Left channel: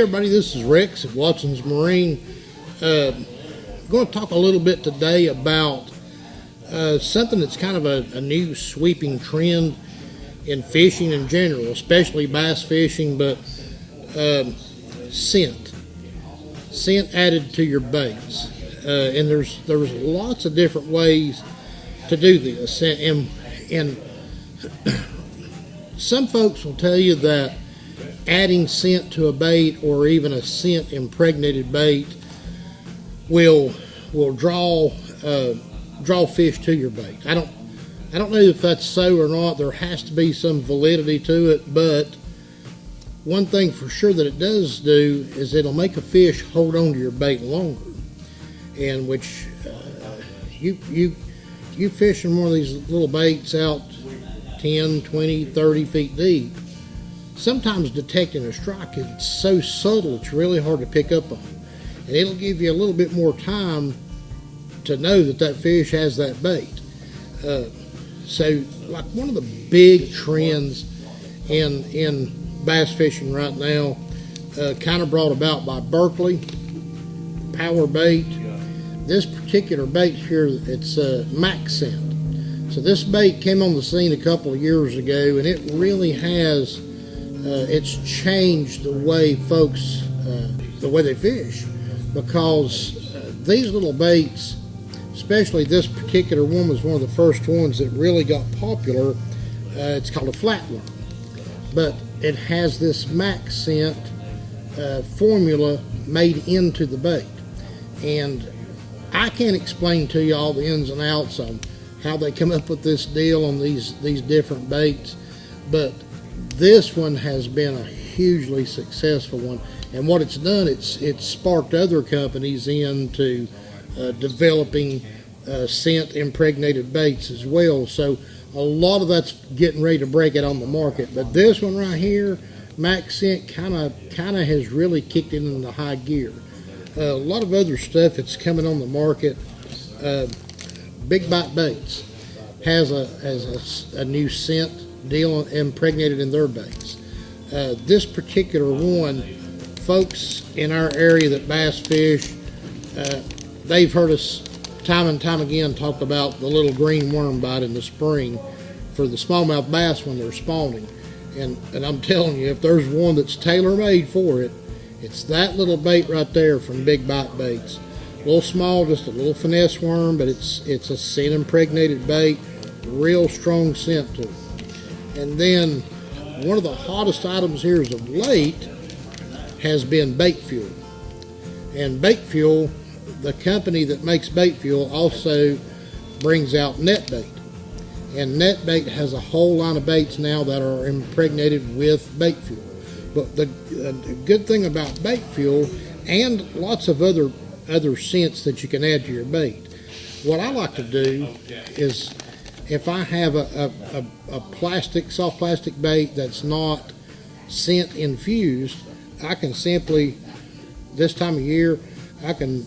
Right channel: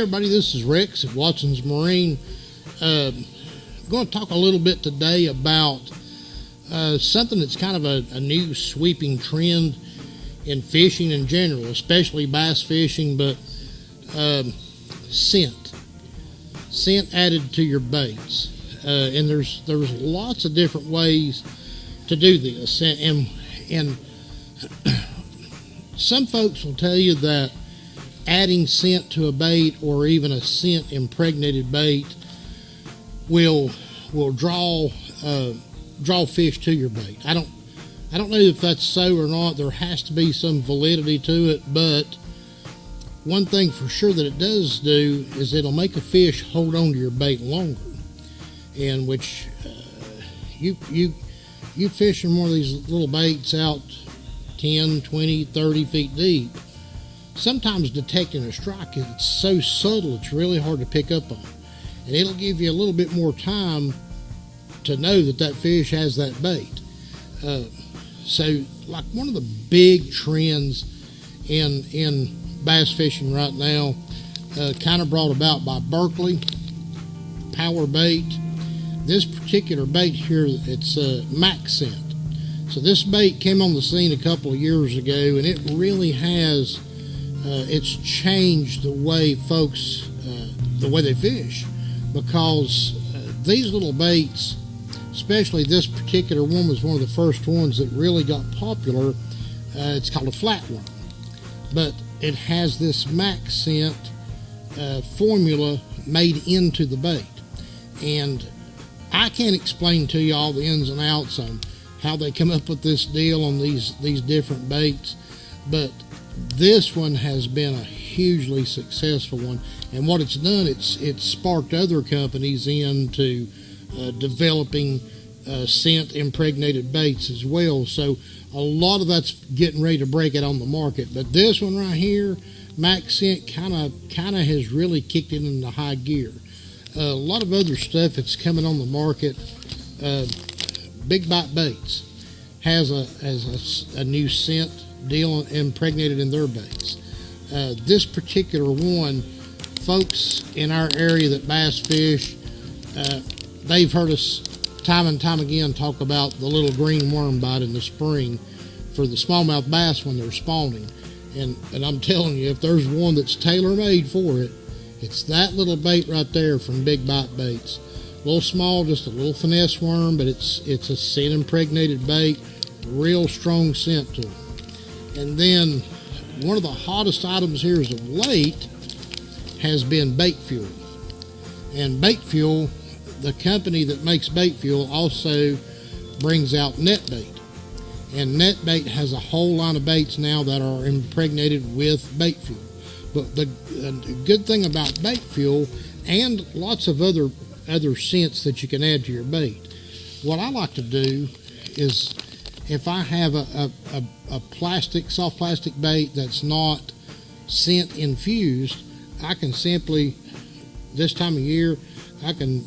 Hey everybody, this is Rex at Watson's Marine. I'm going to talk a little bit today about something that's kind of a new sweeping trend in fishing in general, especially bass fishing, but scent added to your baits. And there's lots of different ways to do this. And some folks will tell you that adding scent to a bait, or even a scent impregnated bait, will draw fish to your bait. I don't know if that's so or not. There has to be some validity to it, but one thing for sure that it does do is it'll make a fish hold on to your bait longer. And which you fishing one of these little baits out 10, 20, 30 feet deep, sometimes detecting a strike, it's so subtle it's really hard to pick up on. And it'll give you a little bit more time to know that fish has that bait. So like one of the big trends in bass fishing right now, kind of brought about by Berkley Power Bait. This particular bait here, it's Max Scent. So this bait came on the scene a couple of years ago, and it really has it's changed the way folks, the way they fish, because these little baits, especially this particular one, was one of the first ones that really got popular. It's called a flatworm, but it has this Max Scent formula made into the bait. And I can't explain to you all the ins and outs on how they come up with this deal on these different baits, but this one has been a hugely successful one. And what it's done, it's sparked other companies into developing scent impregnated baits as well. So a lot of that's getting ready to break it on the market. But this one right here, Max Scent, kind of has really kicked it into high gear. A lot of other stuff that's coming on the market. Big Bite Baits has a new scent deal impregnated in their baits. This particular one, folks in our area that bass fish, they've heard us time and time again talk about the little green worm bite in the spring for the smallmouth bass when they're spawning. And I'm telling you, if there's one that's tailor-made for it, it's that little bait right there from Big Bite Baits. A little small, just a little finesse worm, but it's a scent impregnated bait, real strong scent to it. And then one of the hottest items here as of late has been bait fuel. And bait fuel, the company that makes bait fuel, also brings out net bait. And net bait has a whole line of baits now that are impregnated with bait fuel. But the good thing about bait fuel, and lots of other scents that you can add to your bait, what I like to do is, if I have a soft plastic bait that's not scent infused, I can simply, this time of year, I can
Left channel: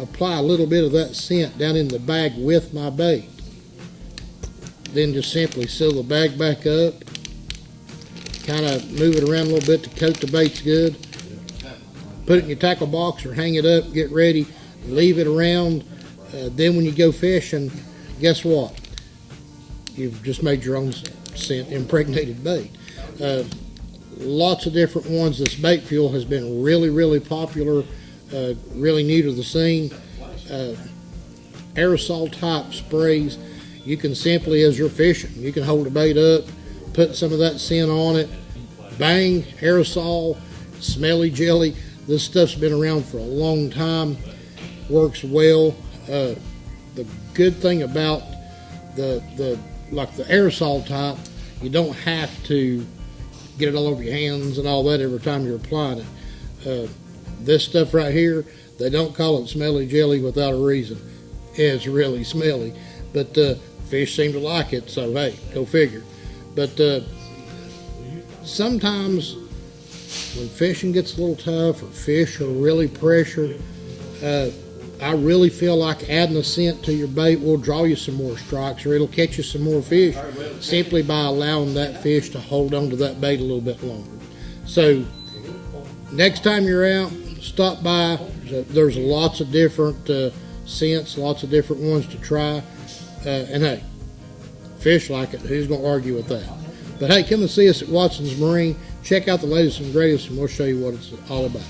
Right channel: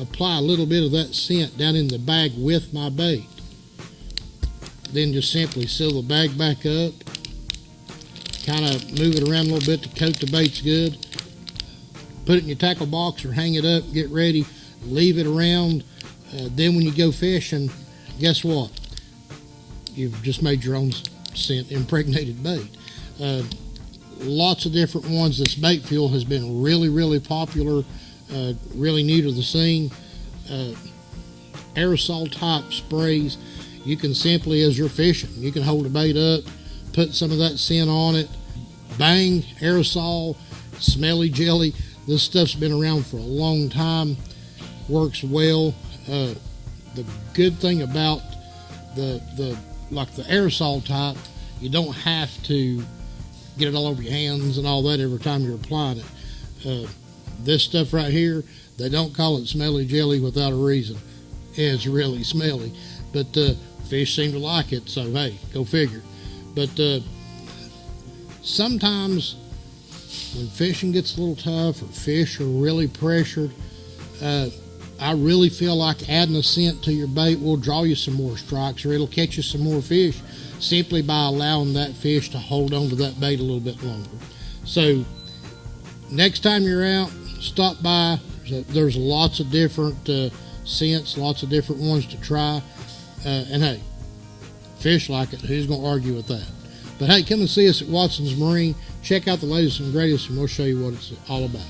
apply a little bit of that scent down in the bag with my bait. Then just simply seal the bag back up, kind of move it around a little bit to coat the baits good, put it in your tackle box or hang it up, get ready, leave it around. Then when you go fishing, guess what? You've just made your own scent impregnated bait. Lots of different ones. This bait fuel has been really popular, really new to the scene. Aerosol type sprays. You can simply, as you're fishing, you can hold a bait up, put some of that scent on it, bang, aerosol, smelly jelly. This stuff's been around for a long time, works well. The good thing about the aerosol type, you don't have to get it all over your hands and all that every time you're applying it. This stuff right here, they don't call it smelly jelly without a reason. It's really smelly, but fish seem to like it, so hey, go figure. But sometimes when fishing gets a little tough or fish are really pressured, I really feel like adding a scent to your bait will draw you some more strikes, or it'll catch you some more fish simply by allowing that fish to hold on to that bait a little bit longer. So Next time you're out, stop by. There's lots of different scents, lots of different ones to try. And hey, fish like it. Who's going to argue with that? But hey, come and see us at Watson's Marine. Check out the latest and greatest, and we'll show you what it's all about.